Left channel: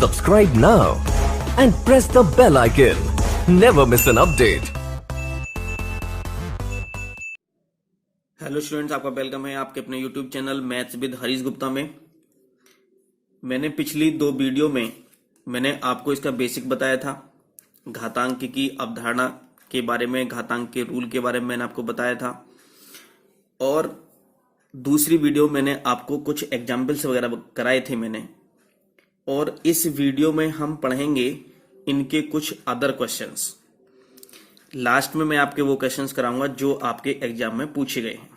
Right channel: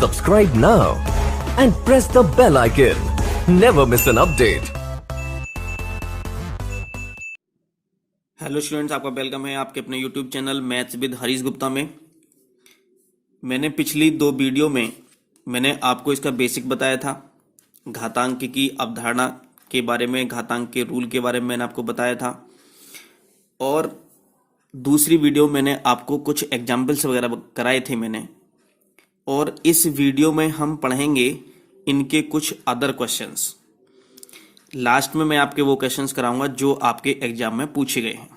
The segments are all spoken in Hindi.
Subscribe now and press the bell icon. Never miss an update. Hello students, आपका वेलकम है आपके अपने YouTube channel maths with Harish Gupta में। मैंने पिछली दो वीडियो में मैंने आपको इसका बेसिक बताया था। घातांक की अवधारणा के बारे में, घातांक के रूल के बारे में मैंने आपको बताया था। और दूसरी वीडियो मैंने आपको कुछ एग्जाम्पल्स वगैरह कराए थे मैंने। और इस वीडियो में हम पढ़ेंगे इनके कुछ अदर क्वेश्चंस। लास्ट में मैं आपके वो क्वेश्चंस कराऊंगा जो आपके एग्जाम में पूछे गए हैं।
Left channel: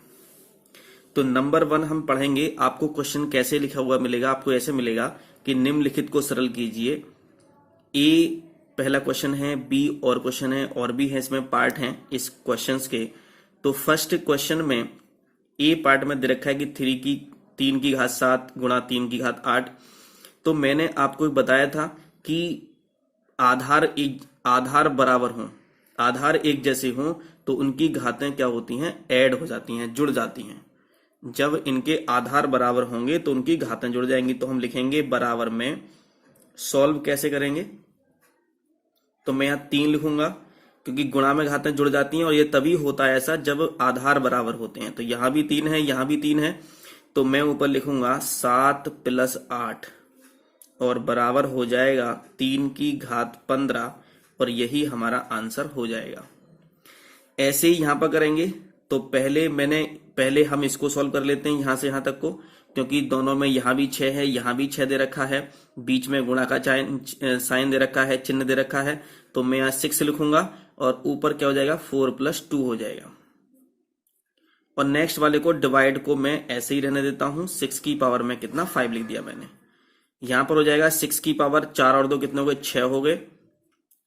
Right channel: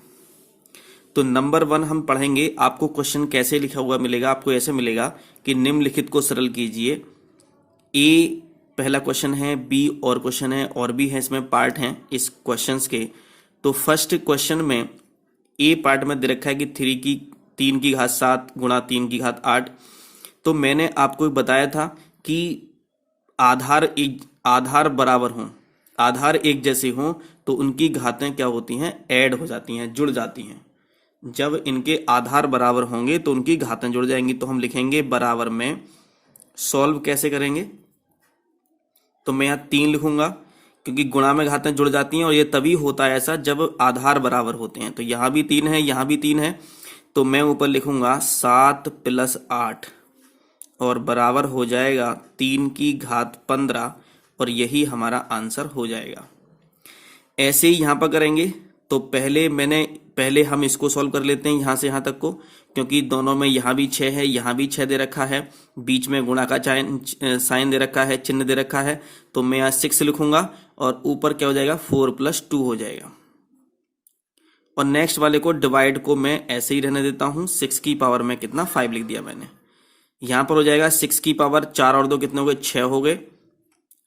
तो नंबर 1 हम पढ़ेंगे। आपको क्वेश्चन कैसे लिखा हुआ मिलेगा? आपको ऐसे मिलेगा कि निम्नलिखित को सरल कीजिए। ए पहला क्वेश्चन है, बी और क्वेश्चन है, और भी है, इसमें पार्ट हैं इस क्वेश्चंस के। तो फर्स्ट क्वेश्चन में ए पार्ट में दे रखा है कि 3 की घात 7 गुणा 3 की घात 8। तो मैंने आपको बताया था कि आधार बराबर हों, आधार एक जैसे हों तो उनकी घातें क्या होती हैं? ऐड हो जाती हैं, जुड़ जाती हैं। जब इनके आधार बराबर होंगे तो उनकी घातें जुड़ जाएंगी। तो हम लिखेंगे बराबर में। सॉल्व कैसे करेंगे? तो मैं यहाँ 3 लिखूंगा क्योंकि गुणा में घातें जुड़ जाती हैं और ये तभी होता है ऐसा जब आधार बराबर होते हैं। तो यहाँ भी 3 है, यहाँ भी 3 है। तो मैं ऊपर लिखूंगा 7 + 8 और बराबर हो जाएगा 3 की घात 15 और यही हमारा आंसर हो जाएगा। ऐसे ही यहां पर करेंगे। तो पहले हम इसको सॉल्व कर लेते हैं यहां से यहां तक को, क्योंकि दोनों में यहां भी 6 है, यहां भी 6 दे रखा है, बीच में गुणा का साइन दे रखा है, चिन्ह दे रखा है। तो मैं यहाँ 6 लिखूंगा और ऊपर क्या हो जाएगा? 4 + 2 हो जाएगा। और नेक्स्ट वाले को डिवाइड को मैं ऐसे ही रहने देता हूं। 6 की पावर में कितना? 5 लिख दिया मैंने। यहां पर हो जाएगा 6 की पावर 4 और 2 कितने हो गए? 6 हो गए।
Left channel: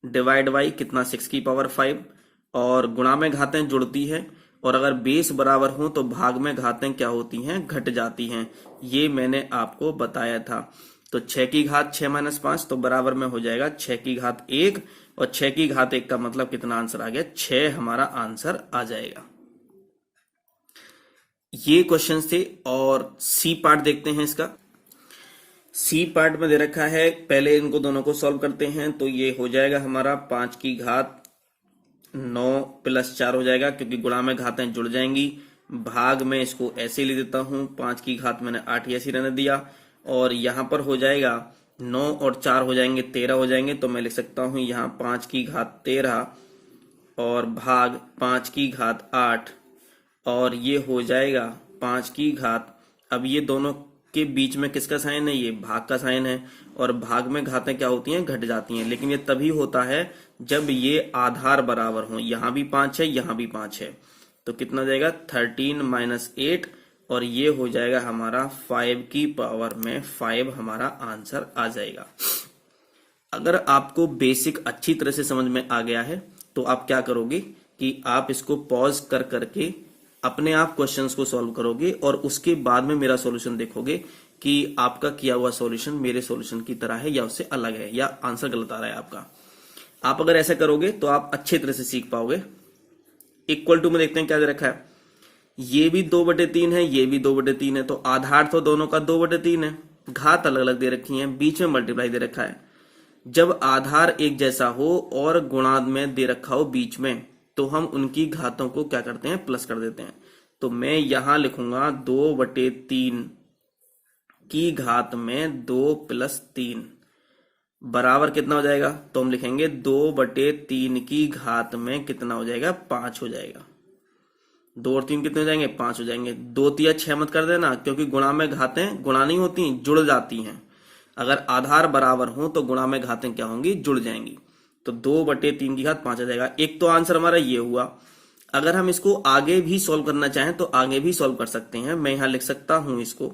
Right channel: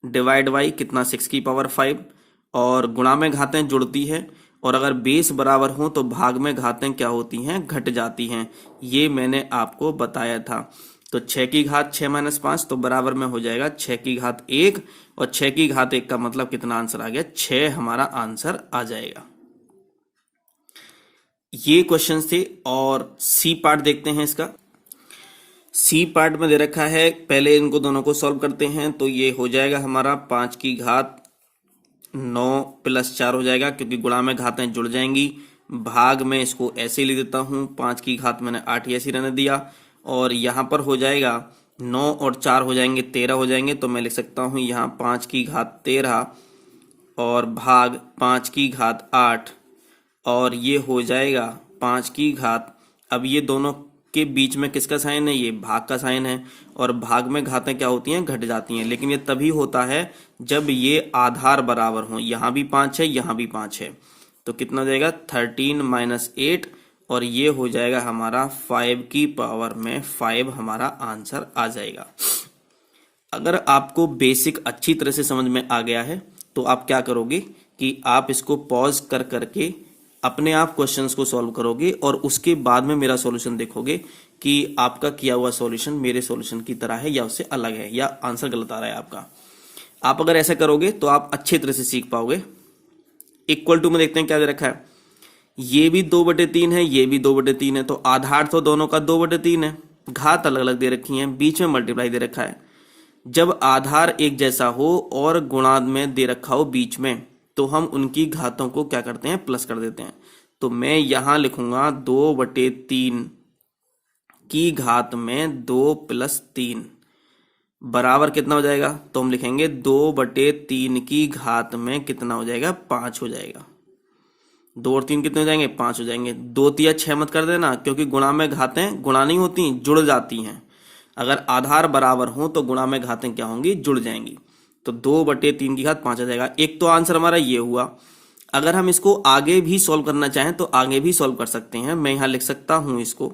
डिवाइड बाई कितना? 6 की पावर 5। और गुणा में घातें जुड़ती हैं और अगर बेस बराबर हो तो भाग में घातें क्या होती हैं? घट जाती हैं। ये मैंने आपको बताया था। तो 6 की घात 6 - 5 तो बराबर में हो जाएगा 6 की घात 1 और 6 की घात 1 का मतलब कितना आंसर आ गया? 6 हमारा आंसर आ जाएगा। ये क्वेश्चन थे। और सी पार्ट देखते हैं इसका। सी पार्ट में दे रखा है, पहले इनको दोनों को सॉल्व करते हैं। तो ये हो जाएगा हमारा 5 की घात 9 + 4 हो जाएगा क्योंकि गुणा में घातें जुड़ जाएंगी। भाग में इसको ऐसे ही लिख देता हूं। 5 की घात मैंने 8 ऐसे रहने दिया। और यहां पर हो जाएगा 9 और 4 हो जाएंगे 13 हो जाएंगे। तो मैं लिख सकता हूं यहां 5 की घात 13 और भाग 5 की घात 8 और ये हो जाएगा 5 की घात। अब ये दोनों के बीच में किसका साइन है? ये भाग का साइन है। और भाग में घातें क्या होती हैं? घट जाती हैं। लेकिन ये तभी होता है जब ये आधार बराबर हो। यहां भी 5 है, यहां भी 5 है। तो कितना हो जाएगा? 13 - 8 और ये हो जाएगा हमारा 5 की पावर में 5 हमारा आंसर आ जाएगा। अगर आपको बेसिक अच्छी तरह से समझ में आ गया है तो आप क्या करोगे कि आप इसको पॉज कर करके अपने आप क्वेश्चंस को सॉल्व करोगे और उसके बाद में मेरा सॉल्यूशन देखोगे कि आपका किया हुआ सॉल्यूशन मेरे सॉल्यूशन की तरह है या उससे अलग है या आंसर गलत आ रहा है आपका। आप अगर ऐसा करोगे तो आप अच्छी तरह से सीख पाओगे। इक्वल टू में देखते हैं क्या दे रखा है। ये भी 2/3 है, ये भी 2/3 है। तो आधार तो दोनों का 2/3 है। घात अलग अलग दे रखी है, बीच में मल्टीप्लाई दे रखा है। जब आधार एक जैसा हो और गुणा में दे रखा हो बीच में तो हम उनकी घातों को क्या करते हैं? प्लस कर देते हैं। तो मैं यहां लिखूंगा 2/3 की घात में 2 + 3 बराबर कितना हो जाएगा? तो हम लिखेंगे 2/3 की घात में कितना हो जाएगा? 5 हो जाएगा। 2 और 3 कितने हो जाएंगे? 5 हो जाएंगे। 2 × 6 मत कर देना क्योंकि गुणा में घातें गुणा नहीं होती, जुड़ जाती हैं। अगर आधार बराबर हो तो गुणा में घातें क्या होंगी? जुड़ जाएंगी। तो 2/3 की घात 5 आ जाएगा। एक तो आंसर हमारा ये हुआ। अगर हम इसको आगे भी सॉल्व करना चाहें तो आगे भी सॉल्व कर सकते हैं। मैं यहां लिख सकता हूं इसको,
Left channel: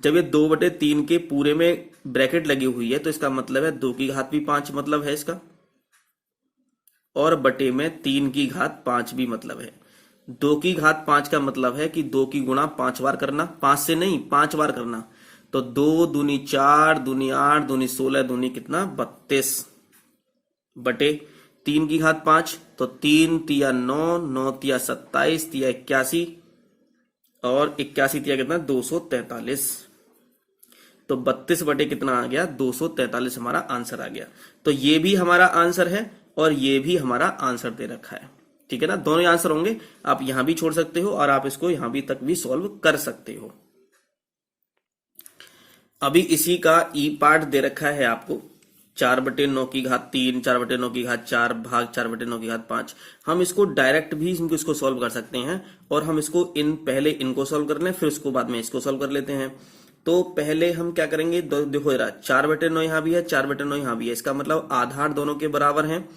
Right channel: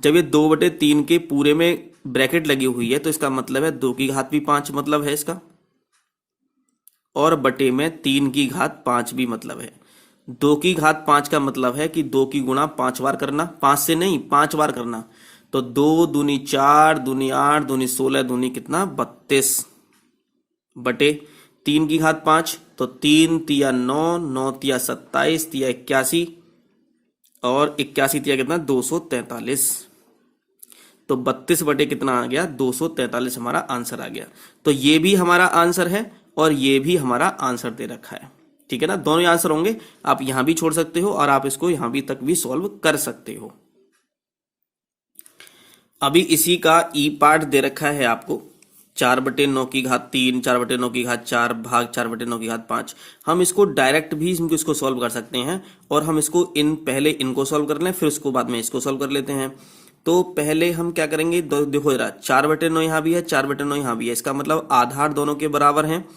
जब ये 2/3 के पूरे में ब्रैकेट लगी हुई है तो इसका मतलब है 2 की घात भी 5 मतलब है इसका, और बटे में 3 की घात 5 भी मतलब है। 2 की घात 5 का मतलब है कि 2 की गुणा 5 बार करना, 5 से नहीं 5 बार करना। तो 2 दूनी 4, दूनी 8, दूनी 16, दूनी कितना? 32 बटे 3 की घात 5। तो 3 × 9, 9 × 27, 3 × 81 और 81 × कितना? 243। तो 32 बटे कितना आ गया, 243 हमारा आंसर आ गया। तो ये भी हमारा आंसर है और ये भी हमारा आंसर दे रखा है, ठीक है ना। दोनों आंसर होंगे, आप यहां भी छोड़ सकते हो और आप इसको यहां भी तक भी सॉल्व कर सकते हो। अभी इसी का ई पार्ट दे रखा है आपको, 4/9 की घात 3, 4/9 की घात 4 भाग 4/9 की घात 5। हम इसको डायरेक्ट भी इसको सॉल्व कर सकते हैं और हम इसको पहले इनको सॉल्व कर लें, फिर उसको बाद में इसको सॉल्व कर लेते हैं। तो पहले हम क्या करेंगे, देखो जरा 4/9 यहां भी है, 4/9 यहां भी है, इसका मतलब आधार दोनों के बराबर हैं।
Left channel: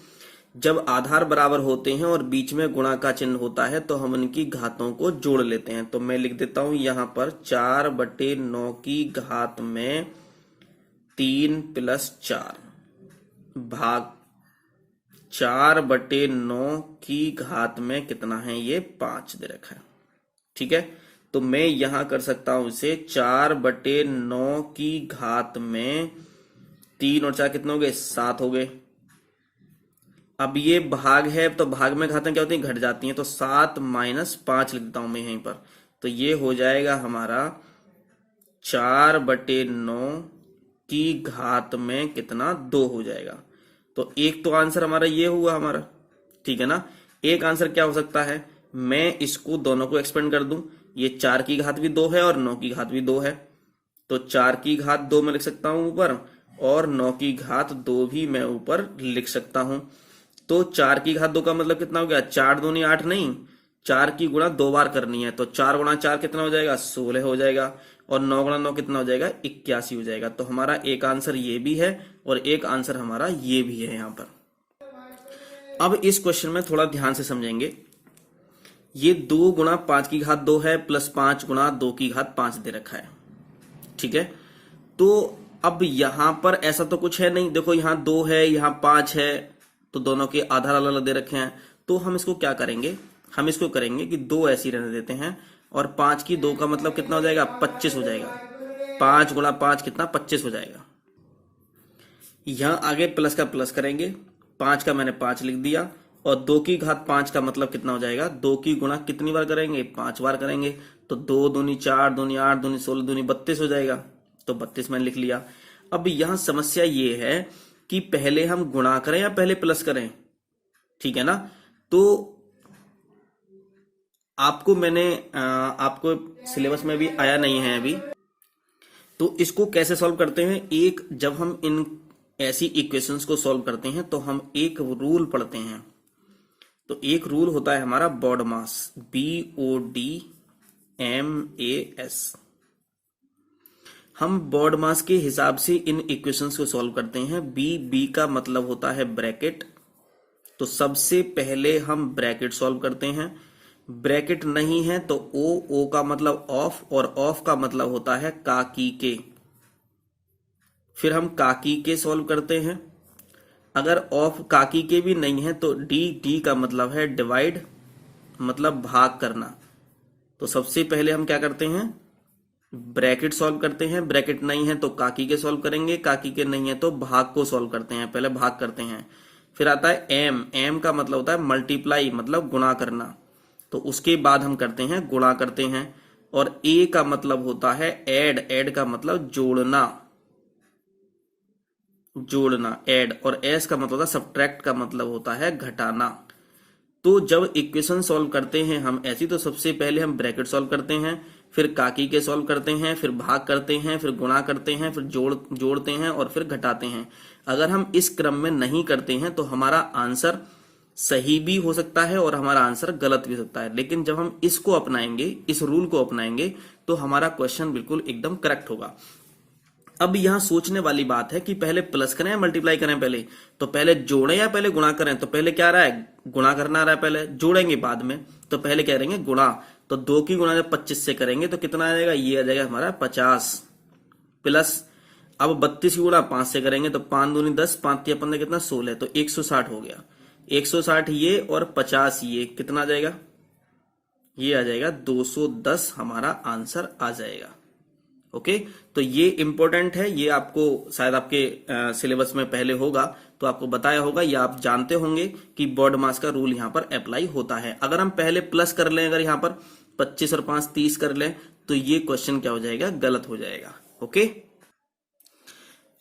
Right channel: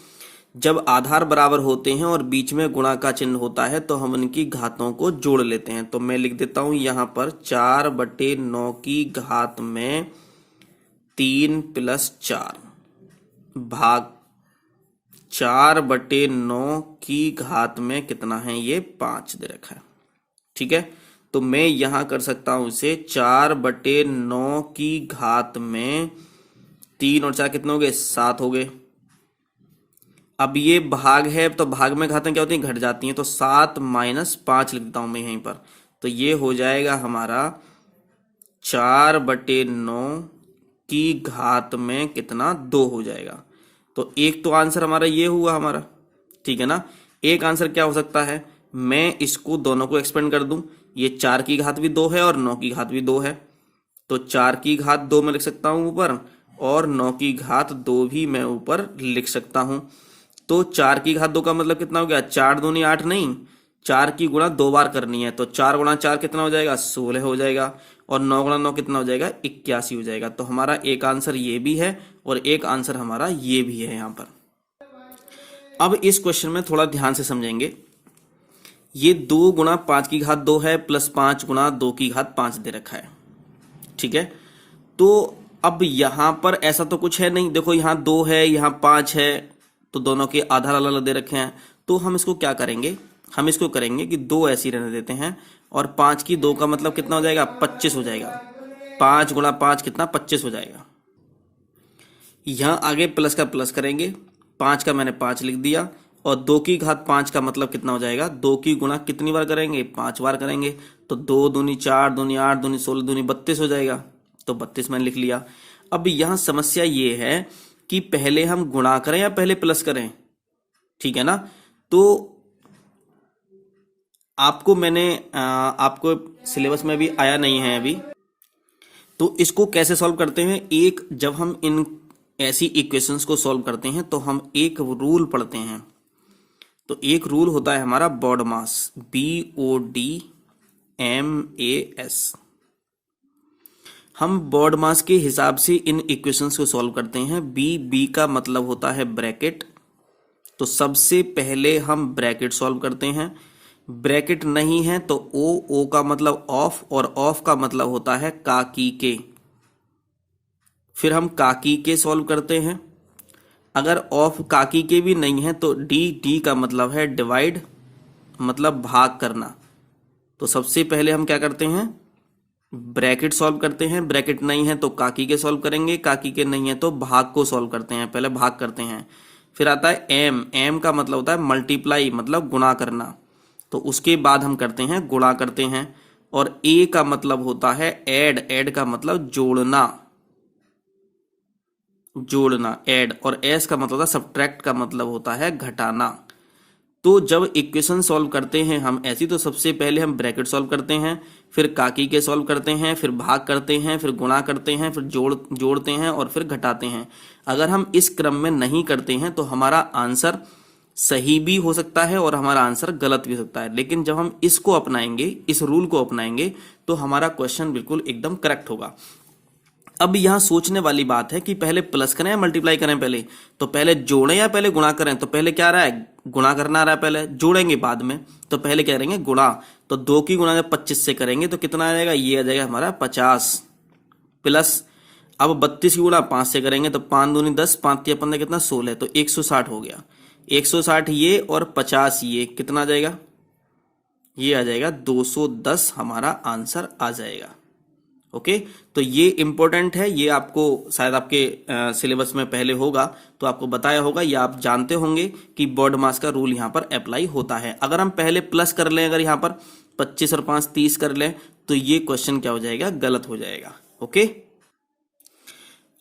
जब आधार बराबर होते हैं और बीच में गुणा का चिन्ह होता है तो हम इनकी घातों को जोड़ लेते हैं। तो मैं लिख देता हूं यहां पर 4/9 की घात में 3 + 4 भाग 4/9 की घात में कितना है, ये 5 दे रखा है, ठीक है। तो मैं यहां कर सकता हूं इसे 4/9 की घात में 3 और 4 कितने हो गए, 7 हो गए। अब ये भाग है तो भाग में घातें क्या होती हैं, घट जाती हैं, तो 7 - 5 लिखता हूं मैं यहीं पर। तो ये हो जाएगा हमारा 4/9 की घात में कितना, 2 हो जाएगा। तो एक तो आंसर हमारा ये हुआ हमारा, ठीक है ना। एक आंसर क्या हो सकता है, मैं इसको दोनों को एक्सपेंड कर दूं, ये 4 की घात भी 2 है और 9 की घात भी 2 है, तो 4 की घात 2 में लिख सकता हूं ऊपर और 9 की घात 2 भी मैं ऊपर लिख सकता हूं। तो 4 की घात 2 का मतलब कितना हो गया, 4 दूनी 8 नहीं, 4 की गुणा 2 बार करनी है, तो 4 × 4 कितना हो जाएगा, 16 हो जाएगा, और 9 × 9 कितना हो जाएगा, 81 हो जाएगा। तो हमारा एक आंसर ये भी है और एक आंसर हमारा ये भी है यहाँ पर। अब इस क्वेश्चन में थोड़ा ध्यान से समझेंगे, ये 2 × 5 की घात 2 है प्लस 5 × 2 की घात 5 दे रखा है, ठीक है। तो अब यहां पर ऐसा तो कुछ है नहीं, देखो यहां 2 है यहाँ 5 है, तो दोनों के आधार अलग अलग दे रखे हैं। तो हम इसको क्या करेंगे, हम इसको करेंगे कि 2 ऐसी रहने देते हैं और 5 की 2 का मतलब कितना हो जाएगा, 25 हो जाएगा। 5 × 5 कितना, 25 हो जाएगा। यहां आगे प्लस का प्लस करेंगे, 5 का मैंने 5 लिख दिया, और 2 की घात 5 का मतलब कितना हो जाएगा, 2 की गुणा कितनी बार करेंगे, 5 बार करेंगे, तो 2 दूनी 4 दूनी 8 दूनी 16 दूनी 32 हो जाएगा। तो 32 मैंने लिख लिया। अब यहां समस्या ये है कि पहले हम गुणा करें या पहले प्लस करें, ठीक है ना। तो आपको मैंने आपको सिलेबस में भी आया नहीं है अभी, तो इसको कैसे सॉल्व करते हैं, एक जब हम इन ऐसी इक्वेशंस को सॉल्व करते हैं तो हम एक रूल पढ़ते हैं। तो एक रूल होता है हमारा BODMAS, BODMAS। हम BODMAS के हिसाब से इन इक्वेशंस को सॉल्व करते हैं। बी का मतलब होता है ब्रैकेट, तो सबसे पहले हम ब्रैकेट सॉल्व करते हैं। ब्रैकेट नहीं है तो ओ का मतलब ऑफ, और ऑफ का मतलब होता है काकी के। फिर हम काकी के सॉल्व करते हैं। अगर ऑफ काकी के भी नहीं है तो डी का मतलब है डिवाइड, मतलब भाग करना। तो सबसे पहले हम क्या करते हैं, ब्रैकेट सॉल्व करते हैं। ब्रैकेट नहीं है तो काकी के सॉल्व करेंगे, काकी के नहीं है तो भाग को सॉल्व करते हैं, पहले भाग करते हैं। फिर आता है एम का मतलब होता है मल्टीप्लाई, मतलब गुणा करना, तो उसके बाद हम करते हैं गुणा करते हैं। और ए का मतलब होता है ऐड का मतलब जोड़ना, ऐड। और एस का मतलब होता है सब्ट्रैक्ट, का मतलब होता है घटाना। तो जब इक्वेशन सॉल्व करते हैं हम ऐसी, तो सबसे पहले हम ब्रैकेट सॉल्व करते हैं, फिर काकी के सॉल्व करते हैं, फिर भाग करते हैं, फिर गुणा करते हैं, फिर जोड़ते हैं और फिर घटाते हैं। अगर हम इस क्रम में नहीं करते हैं तो हमारा आंसर सही भी हो सकता है और हमारा आंसर गलत भी हो सकता है। लेकिन जब हम इसको अपनाएंगे, इस रूल को अपनाएंगे, तो हमारा क्वेश्चन बिल्कुल एकदम करेक्ट होगा। अब यहां सोचने वाली बात है कि पहले प्लस करें या मल्टीप्लाई करें, पहले तो पहले जोड़ें या पहले गुणा करें। तो पहले क्या आ रहा है, गुणा करना आ रहा है, पहले जोड़ेंगे बाद में। तो पहले क्या करेंगे, गुणा। तो 2 की गुणा जब 25 से करेंगे तो कितना आ जाएगा, ये आ जाएगा हमारा 50 प्लस। अब 32 की गुणा 5 से करेंगे तो 5 दूनी 10, 5 तिया 15 कितना 16, तो 160 हो गया। 160 ये और 50 ये, कितना आ जाएगा, ये आ जाएगा 210 हमारा आंसर आ जाएगा। ओके, तो ये इंपॉर्टेंट है, ये आपको शायद आपके सिलेबस में पहले होगा तो आपको बताया होगा, या आप जानते होंगे कि BODMAS का रूल यहाँ पर अप्लाई होता है। अगर हम पहले प्लस कर लें, अगर यहाँ पर 25 और 5 30 कर लें, तो ये क्वेश्चन क्या हो जाएगा, गलत हो जाएगा। ओके।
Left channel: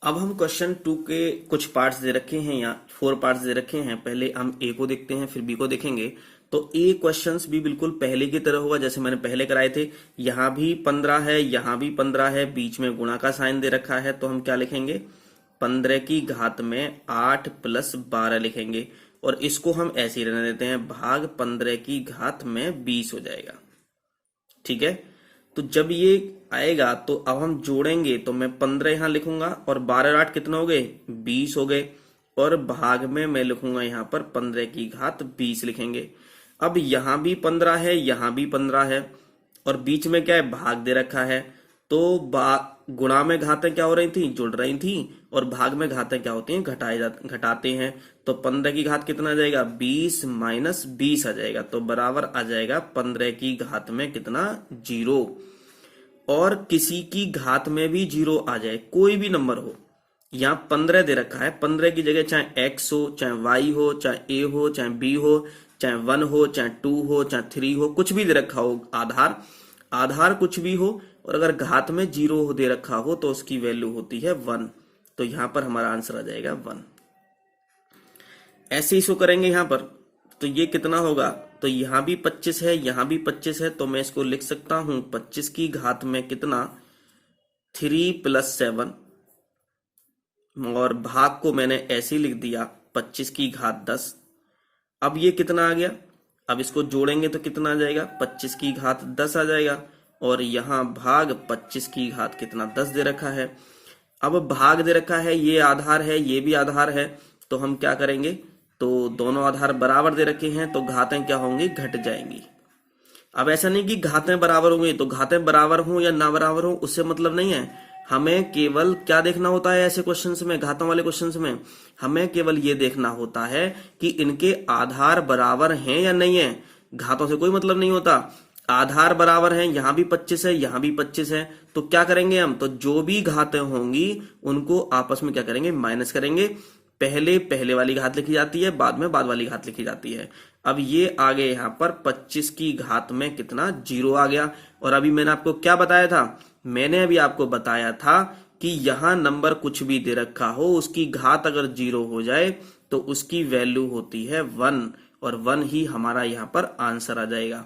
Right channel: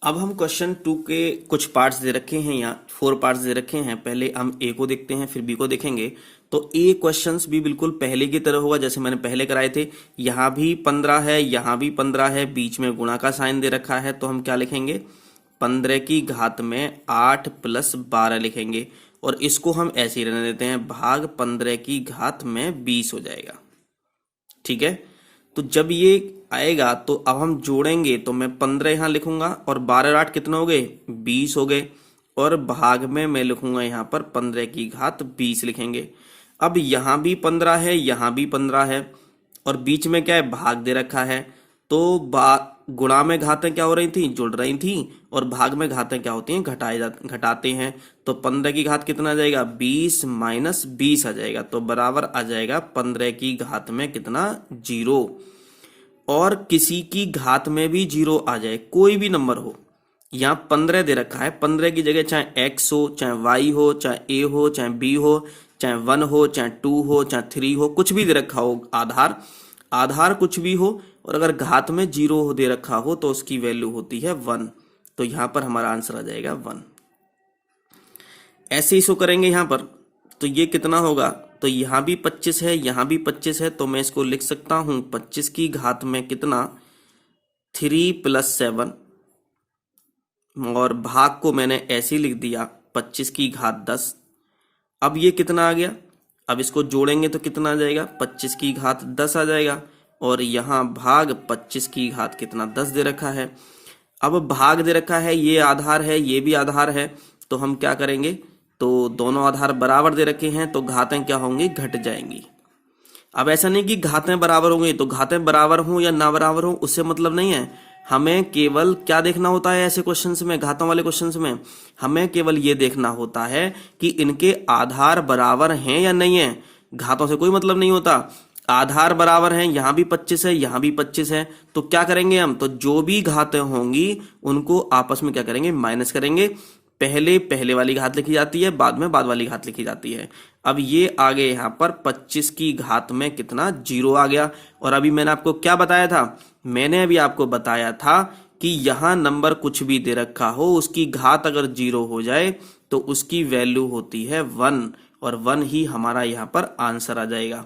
अब हम क्वेश्चन 2 के कुछ पार्ट्स दे रखे हैं, यहाँ 4 पार्ट्स दे रखे हैं। पहले हम ए को देखते हैं, फिर बी को देखेंगे। तो ए क्वेश्चंस भी बिल्कुल पहले की तरह होगा जैसे मैंने पहले कराए थे। यहाँ भी 15 है, यहाँ भी 15 है, बीच में गुणा का साइन दे रखा है। तो हम क्या लिखेंगे, 15 की घात में 8 प्लस 12 लिखेंगे, और इसको हम ऐसे ही रहने देते हैं, भाग 15 की घात में 20 हो जाएगा। ठीक है, तो जब ये आएगा तो अब हम जोड़ेंगे, तो मैं 15 यहां लिखूंगा और 12 और 8 कितना हो गए, 20 हो गए, और भाग में मैं लिखूंगा यहाँ पर 15 की घात 20 लिखेंगे। अब यहाँ भी 15 है, यहाँ भी 15 है, और बीच में क्या है, भाग दे रखा है। तो गुणा में घातें क्या हो रही थी, जुड़ रही थी, और भाग में घातें क्या होती हैं, घटाते हैं। तो 15 की घात कितना आ जाएगा, 20 माइनस 20 आ जाएगा, तो बराबर आ जाएगा 15 की घात में कितना, 0। और किसी की घात में भी 0 आ जाए, कोई भी नंबर हो, यहाँ 15 दे रखा है, 15 की जगह चाहे x हो, चाहे y हो, चाहे a हो, चाहे b हो, चाहे 1 हो, चाहे 2 हो, चाहे 3 हो, कुछ भी दे रखा हो, आधार कुछ भी हो, और अगर घात में 0 दे रखा हो तो उसकी वैल्यू होती है 1। तो यहां पर हमारा आंसर आ जाएगा 1। ऐसे ही सो करेंगे यहाँ पर, तो ये कितना होगा, तो यहाँ भी 25 है, यहाँ भी 25 है, तो मैं इसको लिख सकता हूं 25 की घात में कितना, 3 प्लस 7, और भाग को मैंने ऐसे ही लिख दिया 25 की घात 10। अब ये कितना आ गया, अब इसको जोड़ेंगे तो कितना आ जाएगा, 25 की घात 10 आ जाएगा, और यहाँ भाग 25 की घात कितना, 10 दे रखा है। अब भाग दे रखा है, ये आधार है, ये भी आधार है, तो हम क्या करेंगे, तो दोनों आधार बराबर दे रखे हैं, तो घातें क्या होंगी, घट जाएंगी। अब ऐसा नहीं कि घातें बराबर होंगी, तो घातें बराबर हो या ना बराबर हो उससे मतलब नहीं है। हमें केवल क्या देखना होता है ऐसे क्वेश्चंस में, घातों वाले क्वेश्चंस में, हमें केवल ये देखना होता है कि इनके आधार बराबर हैं या नहीं है। घातों से कोई मतलब नहीं होता। आधार बराबर हैं, यहां भी 25 है, यहां भी 25 है, तो क्या करेंगे हम, तो जो भी घातें होंगी उनको आपस में क्या करेंगे, माइनस करेंगे। पहले वाली घात लिखी जाती है, बाद में बाद वाली घात लिखी जाती है। अब ये आ गए यहाँ पर 25 की घात में कितना, 0 आ गया। और अभी मैंने आपको क्या बताया था, मैंने अभी आपको बताया था कि यहां नंबर कुछ भी दे रखा हो, उसकी घात अगर 0 हो जाए तो उसकी वैल्यू होती है 1, और 1 ही हमारा यहाँ पर आंसर आ जाएगा।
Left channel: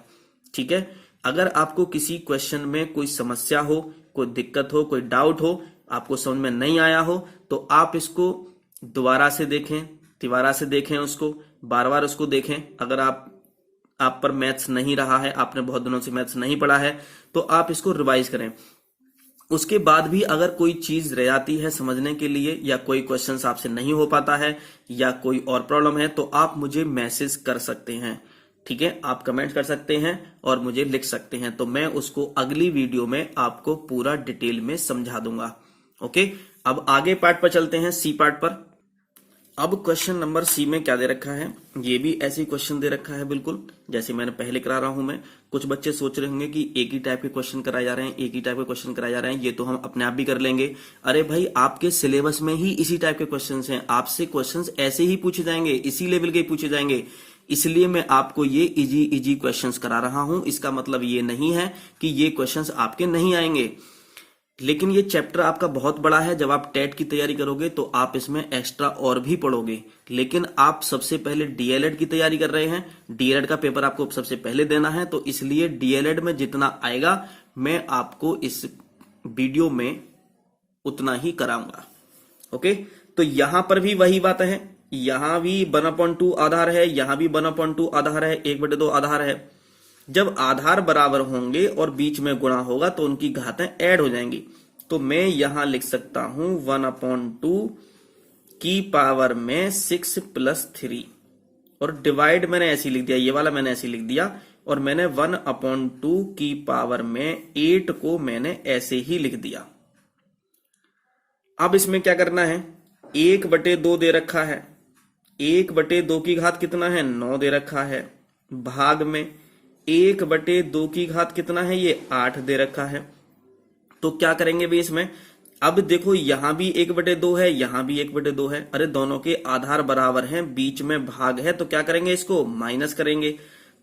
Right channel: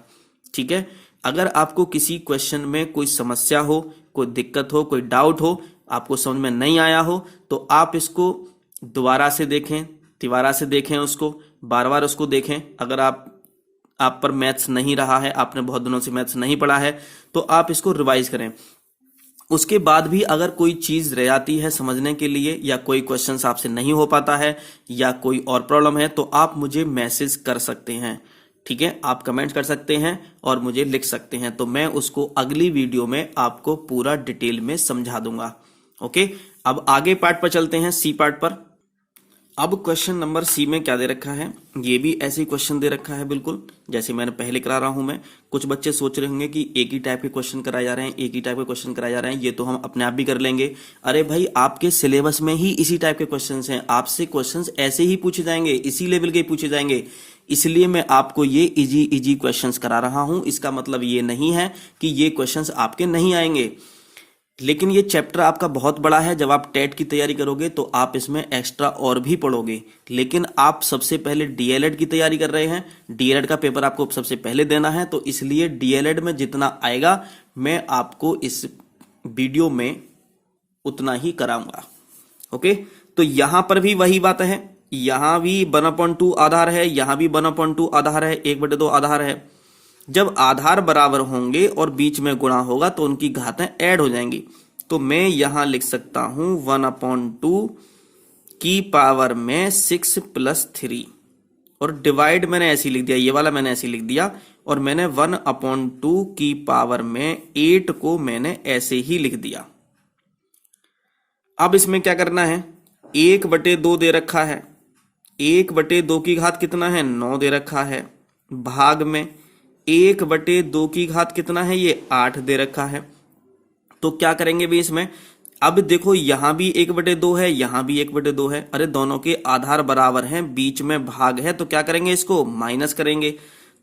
ठीक है, अगर आपको किसी क्वेश्चन में कोई समस्या हो, कोई दिक्कत हो, कोई डाउट हो, आपको समझ में नहीं आया हो, तो आप इसको दोबारा से देखें, तिबारा से देखें, उसको बार बार उसको देखें। अगर आप पर मैथ्स नहीं रहा है, आपने बहुत दिनों से मैथ्स नहीं पढ़ा है, तो आप इसको रिवाइज करें। उसके बाद भी अगर कोई चीज रह जाती है समझने के लिए, या कोई क्वेश्चन आपसे नहीं हो पाता है, या कोई और प्रॉब्लम है, तो आप मुझे मैसेज कर सकते हैं। ठीक है, आप कमेंट कर सकते हैं और मुझे लिख सकते हैं, तो मैं उसको अगली वीडियो में आपको पूरा डिटेल में समझा दूंगा। ओके, अब आगे पार्ट पर चलते हैं, सी पार्ट पर। अब क्वेश्चन नंबर सी में क्या दे रखा है, ये भी ऐसे ही क्वेश्चन दे रखा है, बिल्कुल जैसे मैंने पहले करा रहा हूं मैं। कुछ बच्चे सोच रहे होंगे कि एक ही टाइप के क्वेश्चन कराए जा रहे हैं, एक ही टाइप के क्वेश्चन कराए जा रहे हैं, ये तो हम अपने आप भी कर लेंगे। अरे भाई, आपके सिलेबस में ही इसी टाइप के क्वेश्चंस हैं, आपसे क्वेश्चंस ऐसे ही पूछे जाएंगे, इसी लेवल के पूछे जाएंगे, इसलिए मैं आपको ये इजी क्वेश्चंस करा रहा हूं। इसका मतलब ये नहीं है कि ये क्वेश्चंस आपके नहीं आएंगे, लेकिन ये चैप्टर आपका बहुत बड़ा है। जब आप टेट की तैयारी करोगे तो आप इसमें एक्स्ट्रा और भी पढ़ोगे, लेकिन आप सबसे पहले डीएलएड की तैयारी कर रहे हैं, डीएलएड का पेपर आपको सबसे पहले देना है, तो इसलिए डीएलएड में जितना आएगा मैं आपको इस वीडियो में उतना ही कराऊंगा। ओके, तो यहां पर भी वही बात है, यहां भी 1/2 आधार है, यहां भी 1/2 आधार है, 1/2 आधार है। जब आधार बराबर होंगे और बीच में गुणा होगा तो उनकी घातें ऐड हो जाएंगी। तो मैं यहां लिख सकता हूं 1/2 की पावर में 6 प्लस 3, और डिवाइड मैंने ऐसे लिख दिया, ये वाला मैंने ऐसे लिख दिया, और मैंने 1/2 की पावर में 8 को मैंने ऐसे ही लिख दिया। अब इसमें क्या करना है, 1/2 दे रखा है, 1/2 की घात कितना है, 9 दे रखा है, भाग में 1/2 की घात कितना है, ये 8 दे रखा है। तो क्या करेंगे भी इसमें, अब देखो यहां भी 1/2 है, यहां भी 1/2 है, अरे दोनों के आधार बराबर हैं, बीच में भाग है, तो क्या करेंगे, इसको माइनस करेंगे।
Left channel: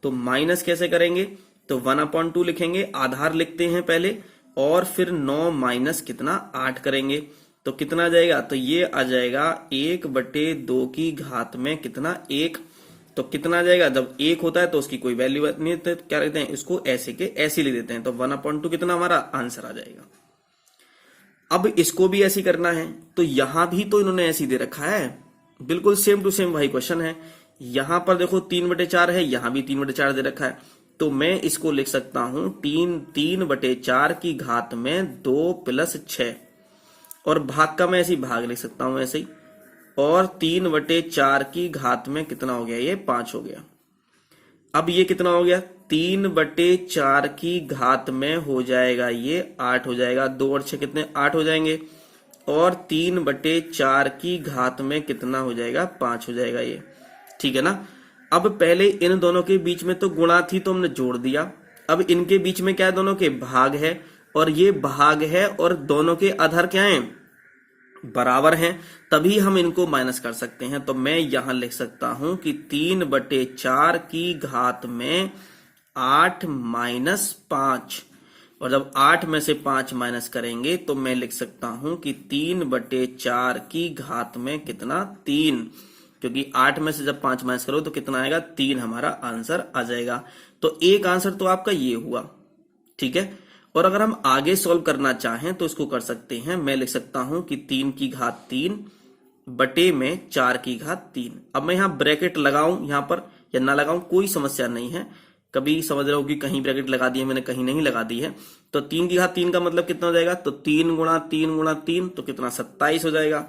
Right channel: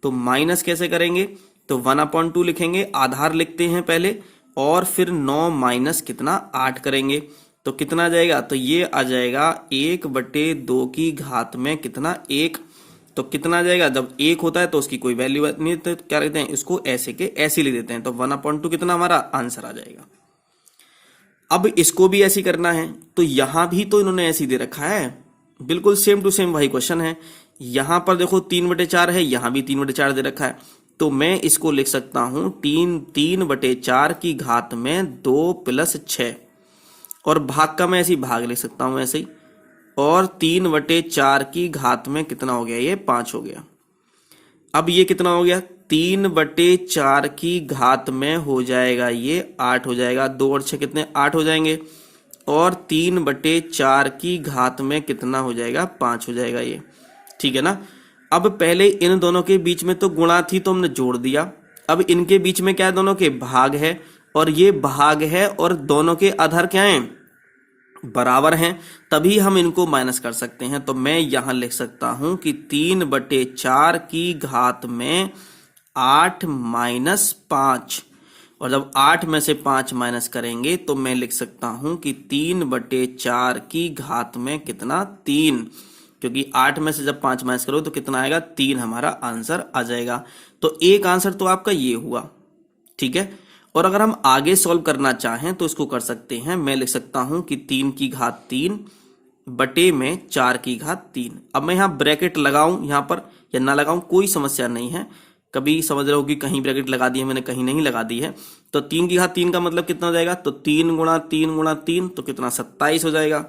तो माइनस कैसे करेंगे, तो 1/2 लिखेंगे, आधार लिखते हैं पहले, और फिर 9 माइनस कितना, 8 करेंगे। तो कितना आ जाएगा, तो ये आ जाएगा 1/2 की घात में कितना 1। तो कितना आ जाएगा, जब 1 होता है तो उसकी कोई वैल्यू नहीं, तो क्या कहते हैं इसको ऐसे के ऐसे लिख देते हैं, तो 1/2 कितना हमारा आंसर आ जाएगा। अब इसको भी ऐसे करना है, तो यहां भी तो इन्होंने ऐसे दे रखा है, बिल्कुल सेम टू सेम वही क्वेश्चन है। यहां पर देखो 3/4 है, यहां भी 3/4 दे रखा है, तो मैं इसको लिख सकता हूं 3/4 की घात में 2 + 6, और भाग का मैं ऐसे ही भाग लिख सकता हूं ऐसे ही, और 3/4 की घात में कितना हो गया, ये 5 हो गया। अब ये कितना हो गया, 3/4 की घात में हो जाएगा ये 8 हो जाएगा, 2 और 6 कितने 8 हो जाएंगे, और 3/4 की घात में कितना हो जाएगा 5 हो जाएगा ये, ठीक है ना। अब पहले इन दोनों के बीच में तो गुणा थी तो हमने जोड़ दिया, अब इनके बीच में क्या है, दोनों के भाग है, और ये भाग है, और दोनों के आधार क्या हैं, बराबर हैं, तभी हम इनको माइनस कर सकते हैं। तो मैं यहां लिख सकता हूं कि 3/4 की घात में 8 - 5, और जब 8 में से 5 माइनस करेंगे तो मैं लिख सकता हूं कि 3/4 की घात में कितना 3, क्योंकि 8 में से जब 5 माइनस करो तो कितना आएगा 3, हमारा आंसर आ जाएगा। तो एक आंसर तो आपका ये हुआ, ठीक है। और अगर हम आगे सॉल्व करना चाहें तो इसको कर सकते हैं, मैं लिख सकता हूं कि 3 की घात 3 बटे में 4 की घात 3। अब मैं यहां ब्रैकेट लगाऊं यहां पर या ना लगाऊं कोई समस्या नहीं है, कभी समझ रहे हो कि कहीं ब्रैकेट लगा दी है मैंने, कहीं नहीं लगा दी है। तो 3 की घात 3 का मतलब कितना हो जाएगा, तो 3 × 3 × 3 तो कितना 27 हो जाएगा,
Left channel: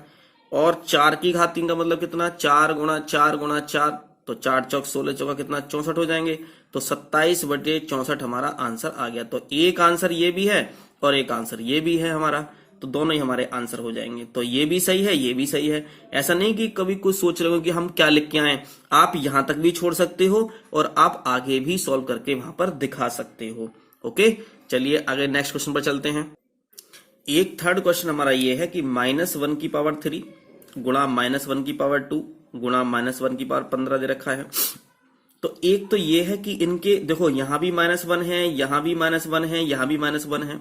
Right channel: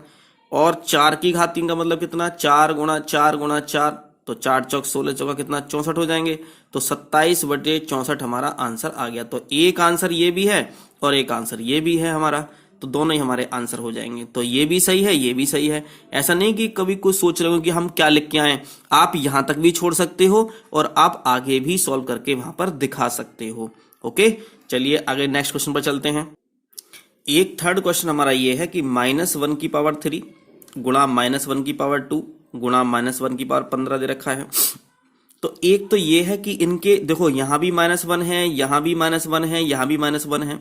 और 4 की घात 3 का मतलब कितना 4 × 4 × 4, तो 4 चौक 16 चौका कितना 64 हो जाएंगे, तो 27/64 हमारा आंसर आ गया। तो एक आंसर ये भी है और एक आंसर ये भी है हमारा, तो दोनों ही हमारे आंसर हो जाएंगे। तो ये भी सही है, ये भी सही है। ऐसा नहीं कि कभी कुछ सोच रहे हो कि हम क्या लिख के आए, आप यहां तक भी छोड़ सकते हो और आप आगे भी सॉल्व करके वहां पर दिखा सकते हो। ओके, चलिए आगे नेक्स्ट क्वेश्चन पर चलते हैं। एक थर्ड क्वेश्चन हमारा ये है कि -1 की पावर 3 गुणा -1 की पावर 2 गुणा -1 की पावर 15 दे रखा है। तो एक तो ये है कि इनके देखो यहां भी -1 है, यहां भी -1 है, यहां भी -1 है,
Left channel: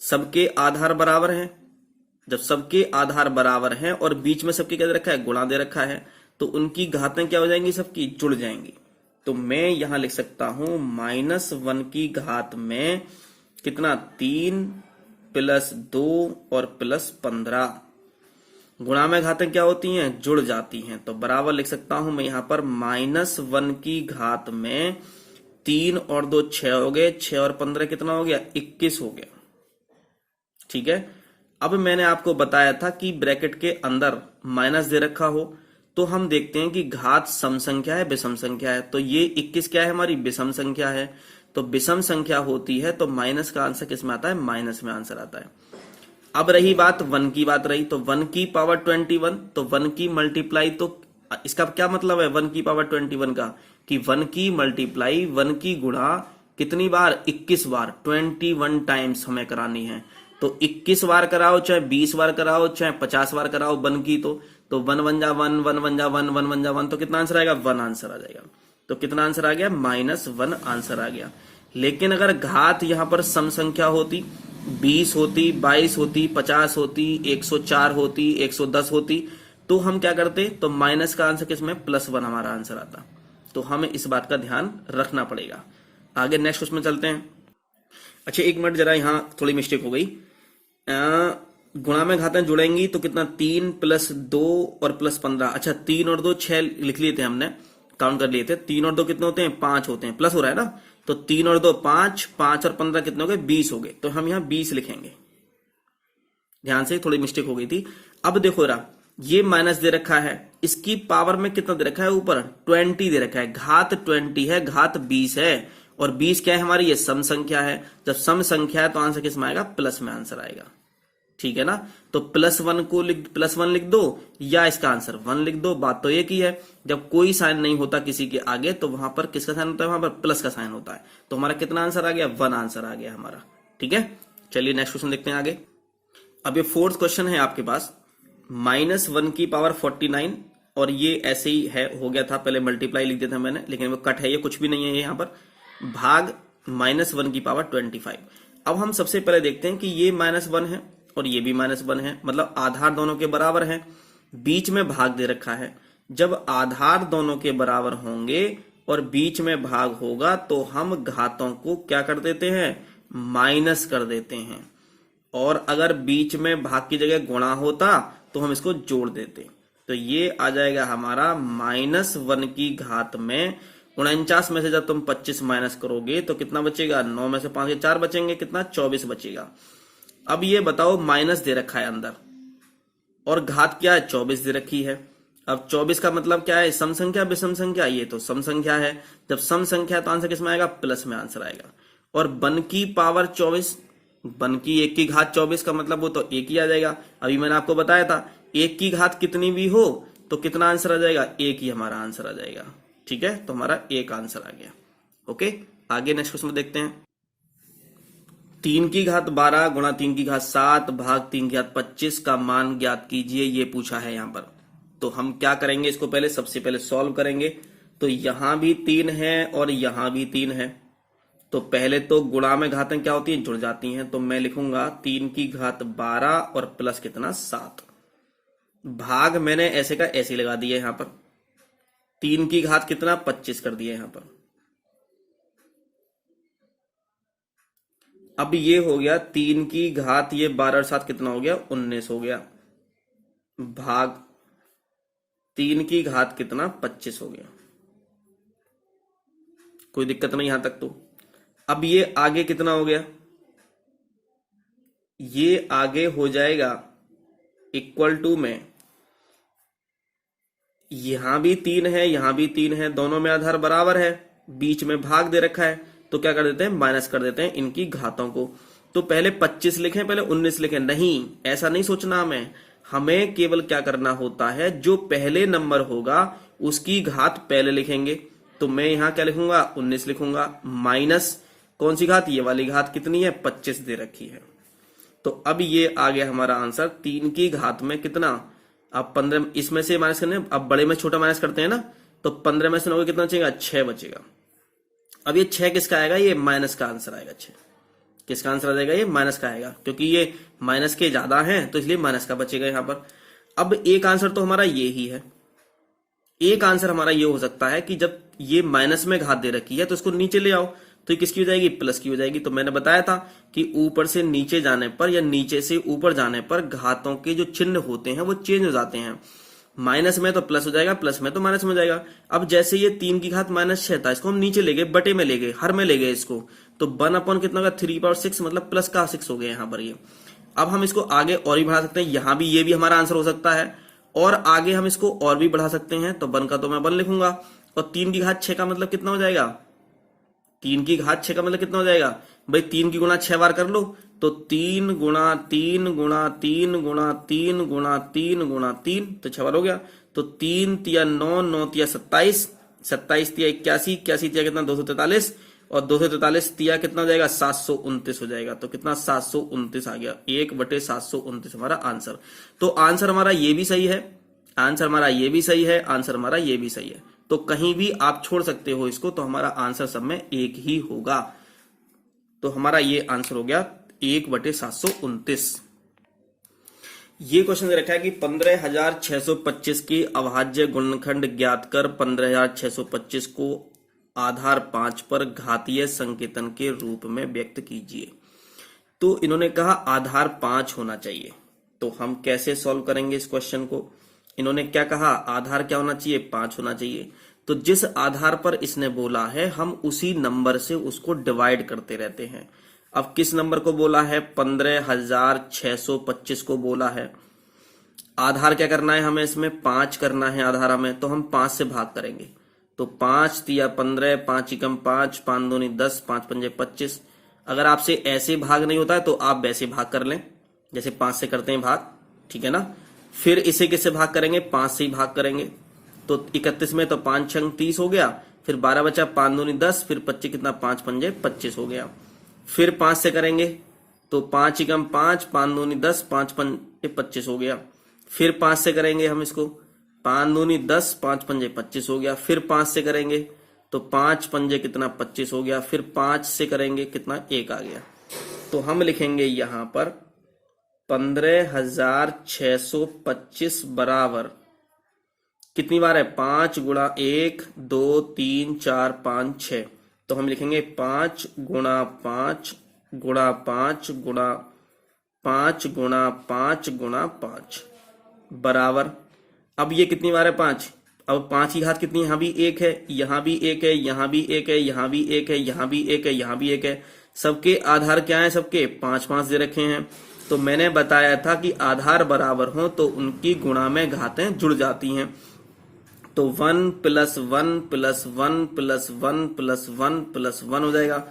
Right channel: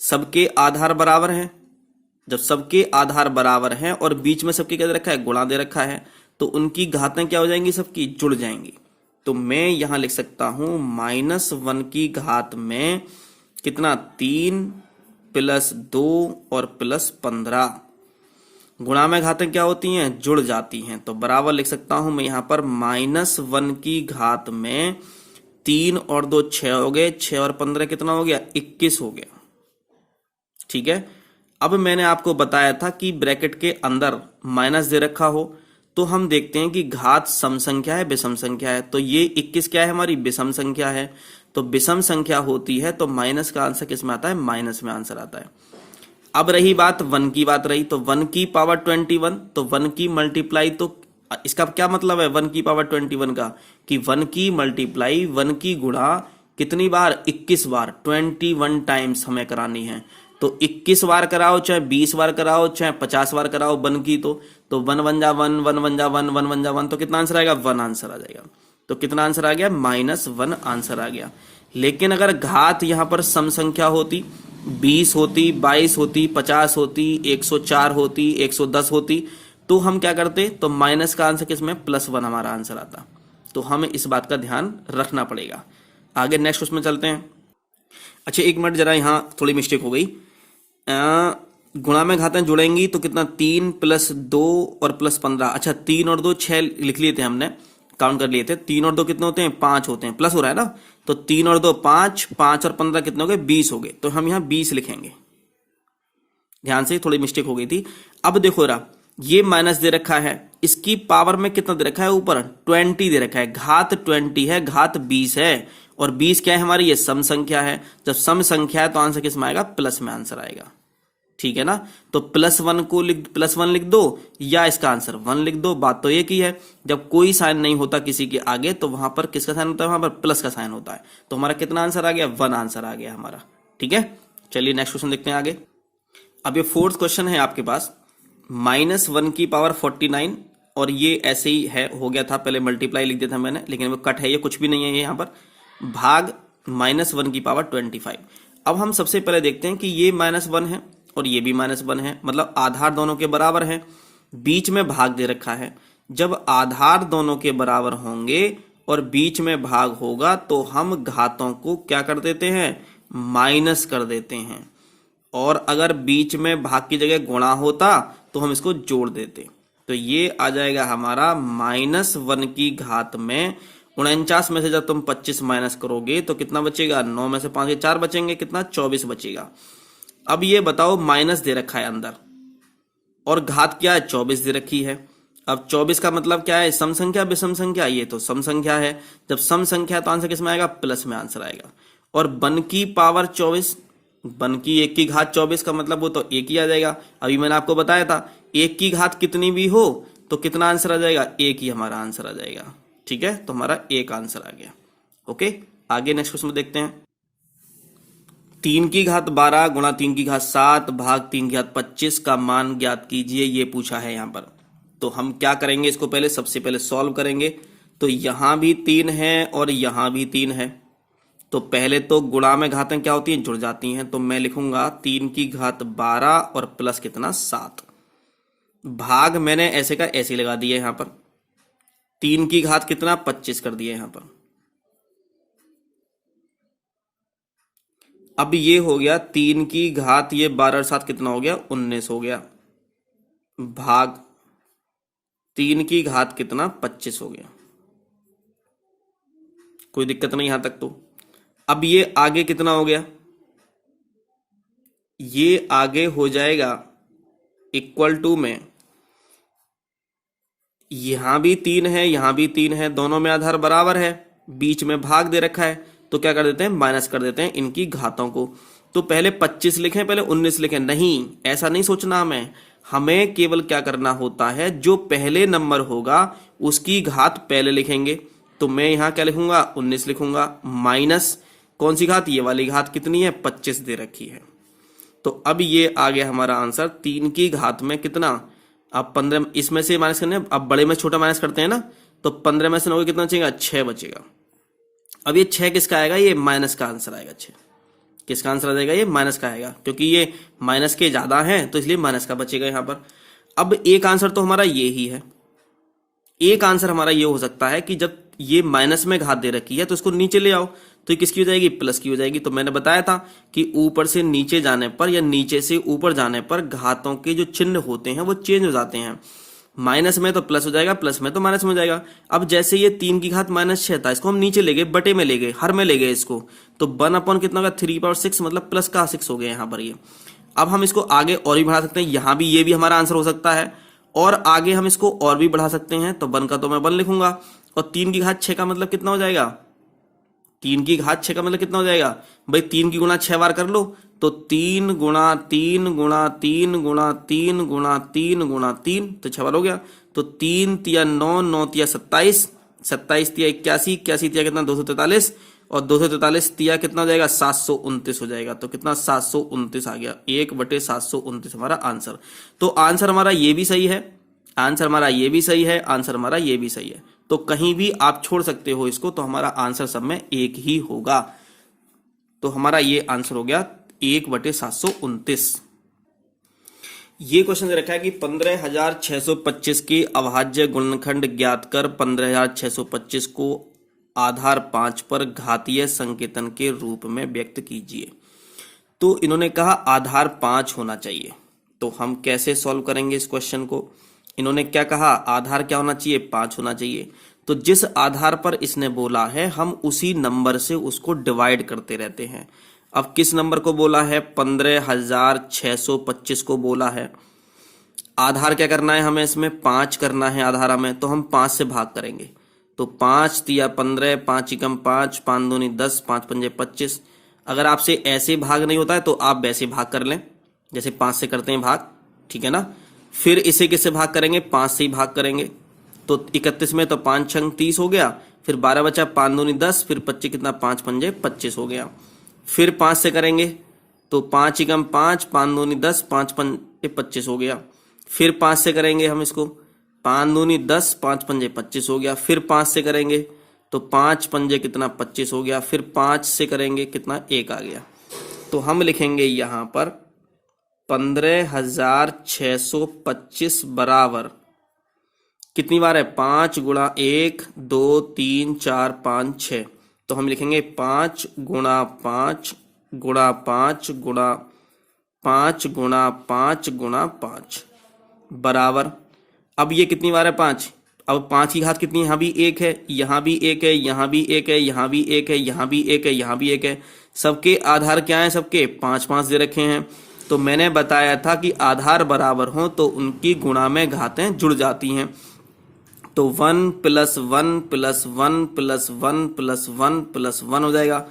सबके आधार बराबर हैं। जब सबके आधार बराबर हैं और बीच में सबके क्या दे रखा है, गुणा दे रखा है, तो उनकी घातें क्या हो जाएंगी, सबकी जुड़ जाएंगी। तो मैं यहां लिख सकता हूं -1 की घात में कितना 3 + 2 और +15, गुणा में घातें क्या होती हैं, जुड़ जाती हैं। तो बराबर लिख सकता हूं मैं यहां पर -1 की घात में 3 और 2 6 हो गए, 6 और 15 कितना हो गया 21 हो गया, ठीक है। अब मैंने आपको बताया था कि ब्रैकेट के अंदर माइनस दे रखा हो तो हम देखते हैं कि घात सम संख्या है विषम संख्या है, तो ये 21 क्या है हमारी विषम संख्या है, तो विषम संख्या होती है तो माइनस का आंसर किस में आता है, माइनस में आंसर आता है। अब रही बात 1 की बात रही, तो 1 की पावर 21, तो 1 की मल्टीप्लाई, तो इसका क्या मतलब है 1 की पावर 21 का, कि 1 की मल्टीप्लाई 1 की गुणा कितनी बार 21 बार, 21 टाइम्स हमें करानी है। तो 21 बार कराओ चाहे 20 बार कराओ चाहे 50 बार कराओ 1 की, तो 1 1 जा 1 1 1 जा 1 1 1 जा 1, तो कितना आंसर आएगा 1 आंसर आ जाएगा। तो कितना आंसर आ गया -1 आंसर आ गया। लेकिन अगर घात यहां पर सम संख्या होती, 20 होती, 22 होती, 50 होती, 104 होती, 110 होती, तो हम क्या करते, तो माइनस का आंसर किसमें +1 हमारा आंसर आता। तो हमें इस बात का ध्यान रखना पड़ेगा। आगे नेक्स्ट क्वेश्चन में चलते हैं। अच्छा एक मिनट, जरा यहां थोड़ी मिस्टेक हो गई, गुणा में घातें जुड़ेंगी तो कितना 3 + 2 और +15, अच्छा 3 और 2 6 लिख लिए थे हमने, काउंट कर लिए थे, 3 और 2 कितने होते हैं 5 होते हैं, प्लस हो रहा है ना, तो 3 और 2 5, 5 और 15 कितने हो गए 20 हो गए, तो हम यहां 20 लिखेंगे। ध्यान से, थोड़ी मिस्टेक हो गई थी। अब देखो रहा, ये माइनस दे रखा है, इसकी पावर में कितना दे रखा है, ऊपर 20 दे रखा है, घात 20 है, घात 20 है, और 20 क्या है हमारी, ये सम संख्या है। जब सम संख्या है तो आंसर किस में आएगा, प्लस में आंसर आएगा, ठीक है ना। तो +1 को +1 लिख दो या इसका आंसर 1 लिख दो। बात तो एक ही है, जब कोई साइन नहीं होता किसी के आगे तो वहां पर किसका साइन होता है, वहां पर प्लस का साइन होता है। तो हमारा कितना आंसर आ गया, 1 आंसर आ गया हमारा, ठीक है। चलिए नेक्स्ट क्वेश्चन देखते हैं आगे। अब ये फोर्थ क्वेश्चन है आपके पास, -1 की पावर 49, और ये ऐसे ही है, हो गया था, पहले मल्टीप्लाई लिख दिया था मैंने, लेकिन वो कट है, ये कुछ भी नहीं है यहाँ पर, भाग -1 की पावर 25। अब हम सबसे पहले देखते हैं कि ये -1 है और ये भी -1 है, मतलब आधार दोनों के बराबर हैं। बीच में भाग दे रखा है। जब आधार दोनों के बराबर होंगे और बीच में भाग होगा तो हम घातों को क्या कर देते हैं, माइनस कर देते हैं। और अगर बीच में भाग की जगह गुणा होता तो हम इसको जोड़ देते। तो ये आ जाएगा हमारा -1 की घात में 49 में से जब तुम 25 माइनस करोगे तो कितना बचेगा, 9 में से 5 के 4 बचेंगे, कितना 24 बचेगा। अब ये बताओ माइनस दे रखा है अंदर और घात क्या है, 24 दे रखी है। अब 24 का मतलब क्या है, सम संख्या विषम संख्या, ये तो सम संख्या है। जब सम संख्या तो आंसर किसमें आएगा, प्लस में आंसर आएगा। और बन की पावर 24, बन की 1 की घात 24 का मतलब वो तो 1 ही आ जाएगा। अभी मैंने आपको बताया था 1 की घात कितनी भी हो तो कितना आंसर आ जाएगा, 1 ही हमारा आंसर आ जाएगा। ठीक है, तो हमारा 1 आंसर आ गया। ओके, आगे नेक्स्ट क्वेश्चन देखते हैं। 3 की घात 12 गुणा 3 की घात 7 भाग 3 की घात 25 का मान ज्ञात कीजिए, ये पूछा है यहाँ पर। तो हम क्या करेंगे, इसको पहले सबसे पहले सॉल्व करेंगे। तो यहां भी 3 है और यहां भी 3 है, तो पहले तो गुणा में घातें क्या होती हैं, जुड़ जाती हैं। तो मैं लिखूंगा 3 की घात 12 और प्लस कितना 7। भाग मैंने ऐसे का ऐसे लगा दिया यहां पर। 3 की घात कितना 25 कर दिया यहां पर। अब ये हो गया 3 की घात, ये 12 और 7 कितना हो गया, 19 हो गया, भाग 3 की घात कितना 25 हो गया। कोई दिक्कत नहीं यहां तक तो। अब ये आगे कितना हो गया, ये आगे हो जाएगा इक्वल टू में, यहां भी 3 है यहां भी 3 है, दोनों में आधार बराबर है, बीच में भाग दे रखा है, तो क्या कर देते हैं, माइनस कर देते हैं इनकी घातों को। तो पहले 25 लिखें, पहले 19 लिखें, नहीं ऐसा नहीं सोचना हमें केवल क्या करना होता है, जो पहले नंबर होगा उसकी घात पहले लिखेंगे। तो मैं यहां क्या लिखूंगा, 19 लिखूंगा, माइनस कौन सी घात, ये वाली घात कितनी है, 25 दे रखी है। तो अब ये आ गया हमारा आंसर 3 की घात में कितना, अब 15 इसमें से माइनस करने, अब बड़े में छोटा माइनस करते हैं ना, तो 15 में से 9 कितना बचेगा, 6 बचेगा। अब ये 6 किसका आएगा, ये माइनस का आंसर आएगा। 6 किसका आंसर आ जाएगा, ये माइनस का आएगा, क्योंकि ये माइनस के ज्यादा हैं तो इसलिए माइनस का बचेगा यहां पर। अब एक आंसर तो हमारा ये ही है। एक आंसर हमारा ये हो सकता है कि जब ये माइनस में घात दे रखी है तो उसको नीचे ले आओ, तो ये किसकी हो जाएगी, प्लस की हो जाएगी। तो मैंने बताया था कि ऊपर से नीचे जाने पर या नीचे से ऊपर जाने पर घातों के जो चिन्ह होते हैं वो चेंज हो जाते हैं। माइनस में तो प्लस हो जाएगा, प्लस में तो माइनस में हो जाएगा। अब जैसे ये 3 की घात -6 था, इसको हम नीचे ले गए, बटे में ले गए, हर में ले गए इसको, तो 1/, कितना होगा, 3/6, मतलब प्लस का 6 हो गया यहाँ पर ये। अब हम इसको आगे और भी बढ़ा सकते हैं, यहां भी ये भी हमारा आंसर हो सकता है, और आगे हम इसको और भी बढ़ा सकते हैं। तो 1 का तो मैं 1 लिखूंगा, और 3 की घात 6 का मतलब कितना हो जाएगा, 3 की घात 6 का मतलब कितना हो जाएगा भाई, 3 की गुणा 6 बार कर लो, तो 3 गुणा 3 गुणा 3 गुणा 3 गुणा 3 गुणा 3, तो 6 बार हो गया। तो 3 तिया 9, 9 तिया 27, 27 तिया 81, 81 तिया कितना 243, और 243 तिया कितना हो जाएगा, 729 हो जाएगा। तो कितना 729 आ गया, 1/729 हमारा आंसर। तो आंसर हमारा ये भी सही है, आंसर हमारा ये भी सही है, आंसर हमारा ये भी सही है। तो कहीं भी आप छोड़ सकते हो इसको, तो हमारा आंसर सब में एक ही होगा। तो हमारा ये आंसर हो गया 1/729। ये क्वेश्चन दे रखा है कि 15,625 के अभाज्य गुणनखंड ज्ञात कर 15,625 को आधार 5 पर घातीय संकेतन के रूप में व्यक्त कीजिए। तो इन्होंने कहा आधार 5 होना चाहिए, तो हम कैसे सॉल्व करेंगे इस क्वेश्चन को। इन्होंने क्या कहा, आधार क्या होना चाहिए, 5 होना चाहिए। तो जिस आधार पर इसने बोला है हम उसी नंबर से उसको डिवाइड करते रहते हैं। अब किस नंबर को बोला है, 15,625 को बोला है। आधार क्या करना है हमें, इसमें 5 करना है आधार हमें, तो हम 5 से भाग करेंगे। तो 5 तिया 15, 5 एकम 5, 5 दूनी 10, 5 पंजे 25। अगर आपसे ऐसे भाग नहीं होता है तो आप वैसे भाग कर लें, जैसे 5 से करते हैं भाग, ठीक है ना। फिर इसे किससे भाग करेंगे, 5 से ही भाग करेंगे। तो 31 में तो 5 छंग 30 हो गया, फिर 12 बचा, 5 दूनी 10, फिर 25 कितना, 5 पंजे 25 हो गया। फिर 5 से करेंगे तो 5 एकम 5, 5 दूनी 10, 5 पंजे 25 हो गया। फिर 5 से करेंगे हम इसको, 5 दूनी 10, 5 पंजे 25 हो गया। फिर 5 से करेंगे तो 5 पंजे कितना 25 हो गया। फिर 5 से करेंगे कितना, 1 आ गया। तो हम लिखेंगे यहां पर 15,625 बराबर कितनी बार है? 5 गुणा 1 2 3 4 5 6। तो हम लिखेंगे 5 गुणा 5 गुणा 5 गुणा 5 गुणा 5 गुणा 5 बराबर, अब ये कितनी बार है? 5। अब 5 की घात कितनी है? यहाँ भी 1 है, यहाँ भी 1 है, यहाँ भी 1 है, यहाँ भी 1 है, यहाँ भी 1 है, यहाँ भी 1 है। सबके आधार क्या है? सबके 5 5 दे रखे हैं। तो मैंने बताया था कि आधार बराबर हो तो उनकी गुणा में घातें जुड़ जाती हैं। तो 1 + 1 + 1 + 1 + 1 + 1 हो जाएगा।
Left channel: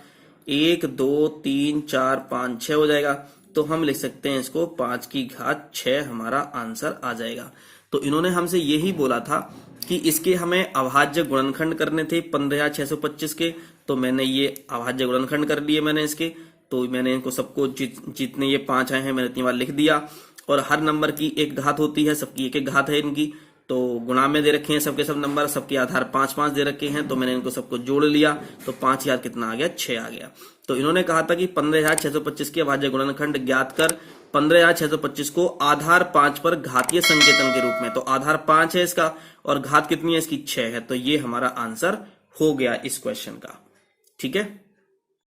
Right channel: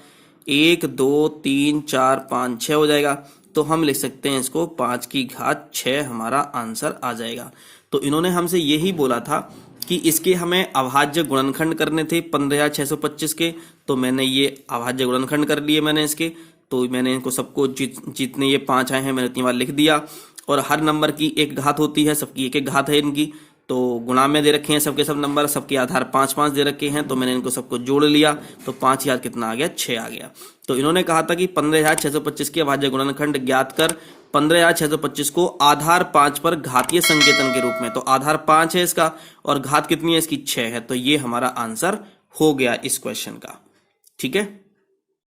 1 2 3 4 5 6 हो जाएगा। तो हम लिख सकते हैं इसको 5 की घात 6 हमारा आंसर आ जाएगा। तो इन्होंने हमसे यही बोला था कि इसके हमें अभाज्य गुणनखंड करने थे 15,625 के। तो मैंने ये अभाज्य गुणनखंड कर लिए मैंने इसके। तो मैंने इनको सबको जितने ये 5 आए हैं मैंने इतनी बार लिख दिया। और हर नंबर की एक घात होती है, सबकी एक एक घात है इनकी। तो गुणा में दे रखे हैं सबके सब नंबर, सबके आधार 5 5 दे रखे हैं। तो मैंने इनको सबको जोड़ लिया तो 5 यार कितना आ गया? 6 आ गया। तो इन्होंने कहा था कि 15,625 के अभाज्य गुणनखंड ज्ञात कर। 15,625 को आधार 5 पर घातीय संकेतन के रूप में, तो आधार 5 है इसका और घात कितनी है इसकी? 6 है। तो ये हमारा आंसर हो गया इस क्वेश्चन का। ठीक है।